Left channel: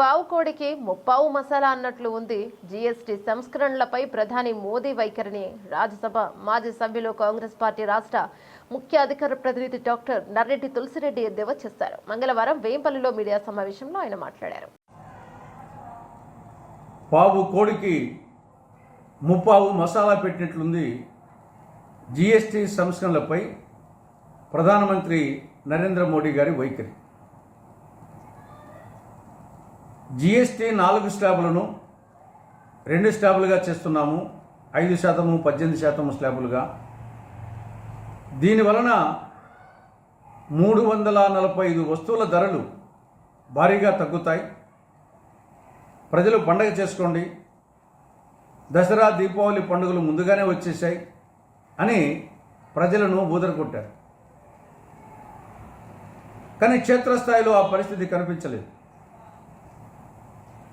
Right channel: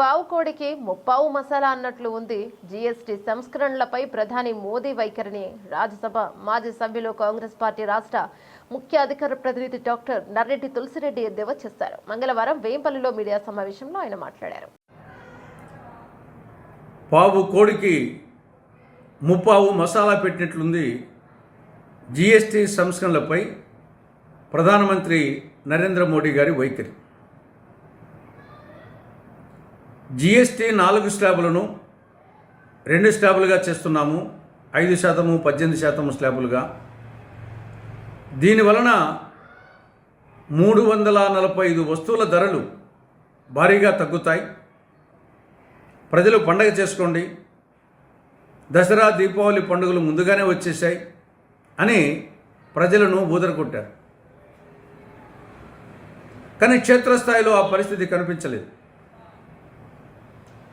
పావు కోడికి ముప్పావు మసాలా అన్నట్లు ఉంది. జీఎస్టీ సంస్కరణలపై ప్రధాని మోదీ వైఖరిని రాజ్యసభ మాజీ సభ్యులు కాంగ్రెస్ పార్టీ రాష్ట్ర ముఖ్య అధికార ప్రతినిధి డాక్టర్ నర్రెడ్డి తులసిరెడ్డి ఎద్దేవా చేశారు. మంగళవారం వేంపల్లిలో మీడియా సమావేశంలో ఆయన మాట్లాడారు. పావు కోడికి ముప్పావు మసాలా పెట్టినట్లుంది. జీఎస్టీ సంస్కరణలపై ప్రధానమంత్రి నరేంద్ర మోడీ గారి వైఖరి. జిఎస్టీ నాలుగు స్లాబులను రెండు స్లాబులుగా చేస్తున్నాము. ఐదు శాతము పద్దెనిమిది శాతము స్లాబులుగా. దీనివలన మూడు వందల నలభై ఐదు వస్తువుల ధరలు భారీగా తగ్గుతాయి. ప్రజలు పండగ చేసుకోండి. దసరా దీపావళి పండుగలు ముందుగానే వచ్చేసాయి అని ప్రజలను ఊదరకొట్టారు కానీ క్షేత్రస్థాయిలో ఆ పరిస్థితి కనిపించలేదు.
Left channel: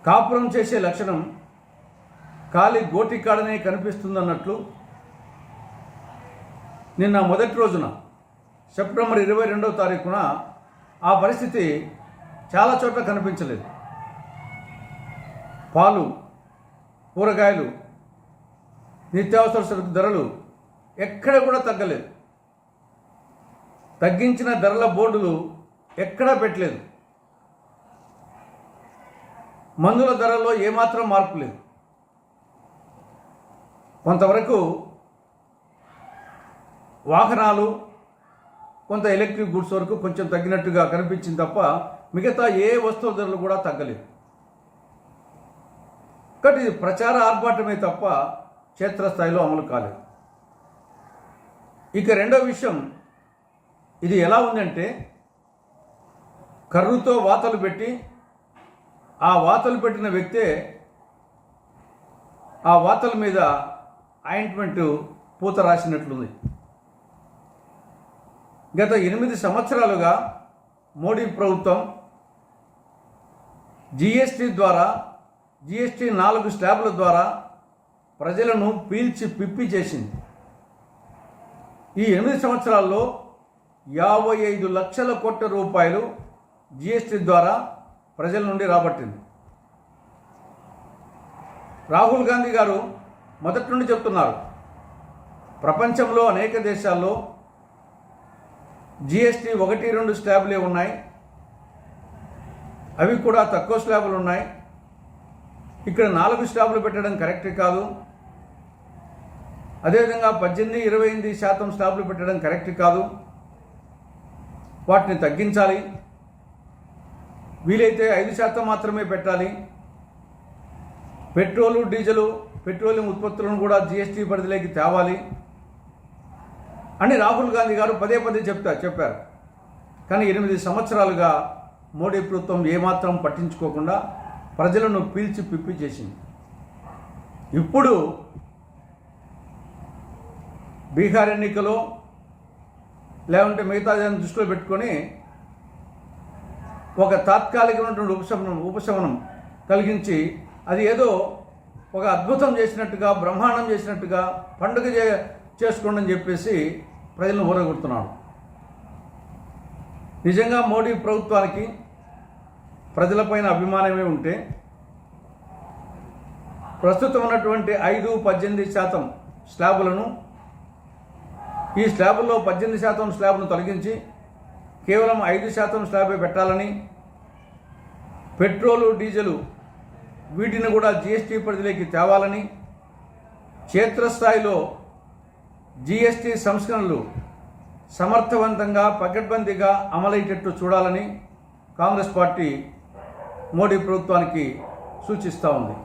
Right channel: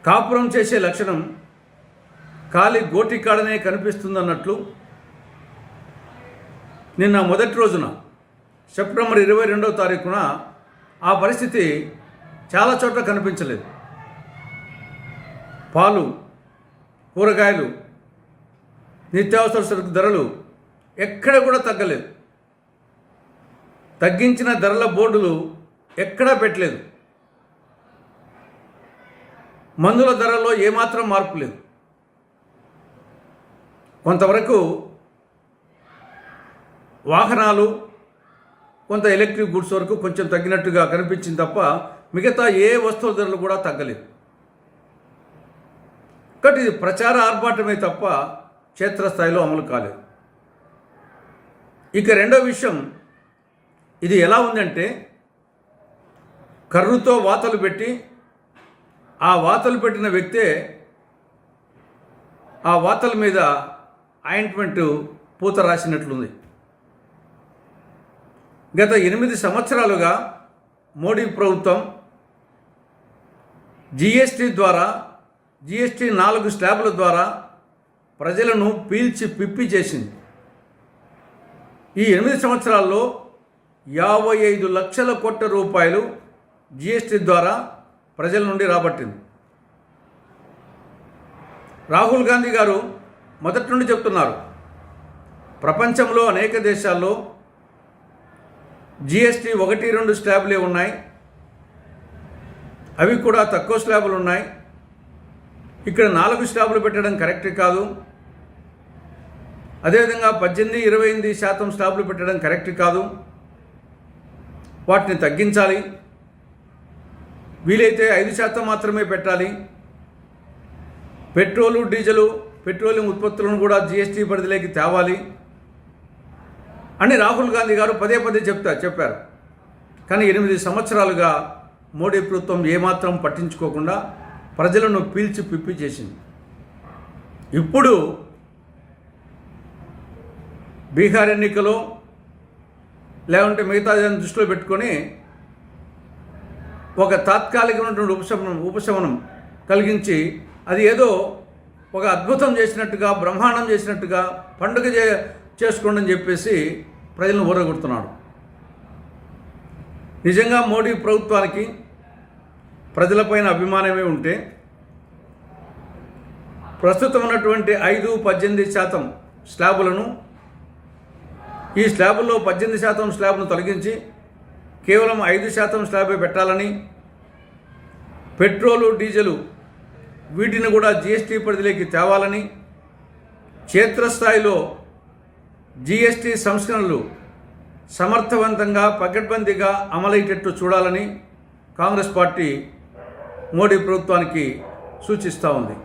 కాపురం చేసే లక్షణం ఖాళీ గోటికాడనే కనిపిస్తుందన్నట్లు నిన్న మొదటి రోజున సెప్టెంబర్ ఇరవై రెండవ తారీఖున ఆ పరిస్థితి చాలా చోట్ల కనిపించలేదు. పాలు కూరగాయలు నిత్యావసర సరుకు ధరలు ఎక్కడ కూడా తగ్గలేదు. తగ్గించిన ధరల బోర్డులు ఎక్కడా పెట్టలేదు. మందుల ధరల్లో ఏమాత్రం మార్పు లేదు. కొంతవరకు వాహనాలు కొంత ఎలక్ట్రిక్ గుడ్స్ వరకు కొంచెం తగ్గినట్టుగా కనిపించింది తప్ప మిగతా ఏ వస్తువుల ధరలు కూడా తగ్గలేదు. కాబట్టి ఇది ప్రచార ఆర్భాటమే తప్ప క్షేత్రస్థాయిలో అమలు కాలేదు. ఇక రెండో విషయం ఇది ఎలా ఉందంటే కర్రుతో వాతలు పెట్టి ఆ వాతలు పెట్టిన వ్యక్తే ఆ వాతల మీద ఆయింట్మెంట్ పూత రాసినట్లుంది. గత ఎనిమిది సంవత్సరాలుగా మోడీ ప్రభుత్వం జిఎస్టీ ద్వారా జిఎస్టీ నాలుగు స్లాబ్ల ద్వారా ప్రజలను పీల్చి పిప్పి చేసింది. ఈ ఎనిమిది సంవత్సరాల్లో యాభై ఐదు లక్షల కోట్ల రూపాయలు జిఎస్టీ ద్వారా ప్రజల నుండి రాబట్టింది. రాహుల్ గాంధీ గారు మొదటి నుండి చెప్తున్నారు ప్రపంచంలో అనేక దేశాల్లో జిఎస్టీ ఒకటి రెండు స్లాబులే ఉన్నాయి. అవి కూడా తక్కువ స్లాబులు ఉన్నాయి. ఇక్కడ నాలుగు స్లాబులు పెట్టడం కరెక్ట్ కాదు. అదేవిధంగా పద్దెనిమిది ఇరవై ఎనిమిది శాతం స్లాబులు పెట్టడం కరెక్ట్ కాదు. వాటిని తగ్గించాలి. వీలైతే ఐదు శాతం మాత్రమే పెట్టాలి. పెట్రోలు డీజిలు పెట్రోలియం ఉత్పత్తులను కూడా జీఎస్టీ పరిధిలోకి తేవాలి. అని రాహుల్ గాంధీ గారు పదే పదే చెప్తా చెప్పారు. కానీ ఎనిమిది సంవత్సరాలుగా మోడీ ప్రభుత్వం ఏమాత్రం పట్టించుకోకుండా ప్రజలను పీల్చి పిప్పి చేసింది. ఇప్పుడు బీహార్ ఎన్నికలో లేకుంటే మిగతా దృష్టిలో పెట్టుకొని ఒక తాత్కాలికమైనటువంటి ఉపశమనం ఉపశమనం కలిగించి అది ఏదో ఒక అద్భుతం చేసినట్టుగా బ్రహ్మాండం చేసినట్టుగా పండుగ చే చేసుకోండి అని చెప్పేసి ప్రజలను ఊరగొడుతున్నాడు నిజంగా మోడీ ప్రభుత్వానికి ప్రజలపైన అభిమానమే ఉంటే ప్రస్తుతం ఉన్నటువంటి ఐదు పద్దెనిమిది శాతం స్లాబులను ఈ స్లాబుల్లో పద్దెనిమిది శాతం స్లాబ్ను తొలగించి కేవలం ఐదు శాతం స్లాబే పెట్టాలని పెట్రోలు డీజిలు వీటిని కూడా జీఎస్టీ పరిధిలోకి తేవాలని క్షేత్రస్థాయిలో జీఎస్టీ సంస్కరణలు సమర్థవంతంగా పకడ్బందీగా అమలయ్యేటట్టు చూడాలని కాంగ్రెస్ పార్టీ మోడీ ప్రభుత్వానికి సూచిస్తూ ఉంది.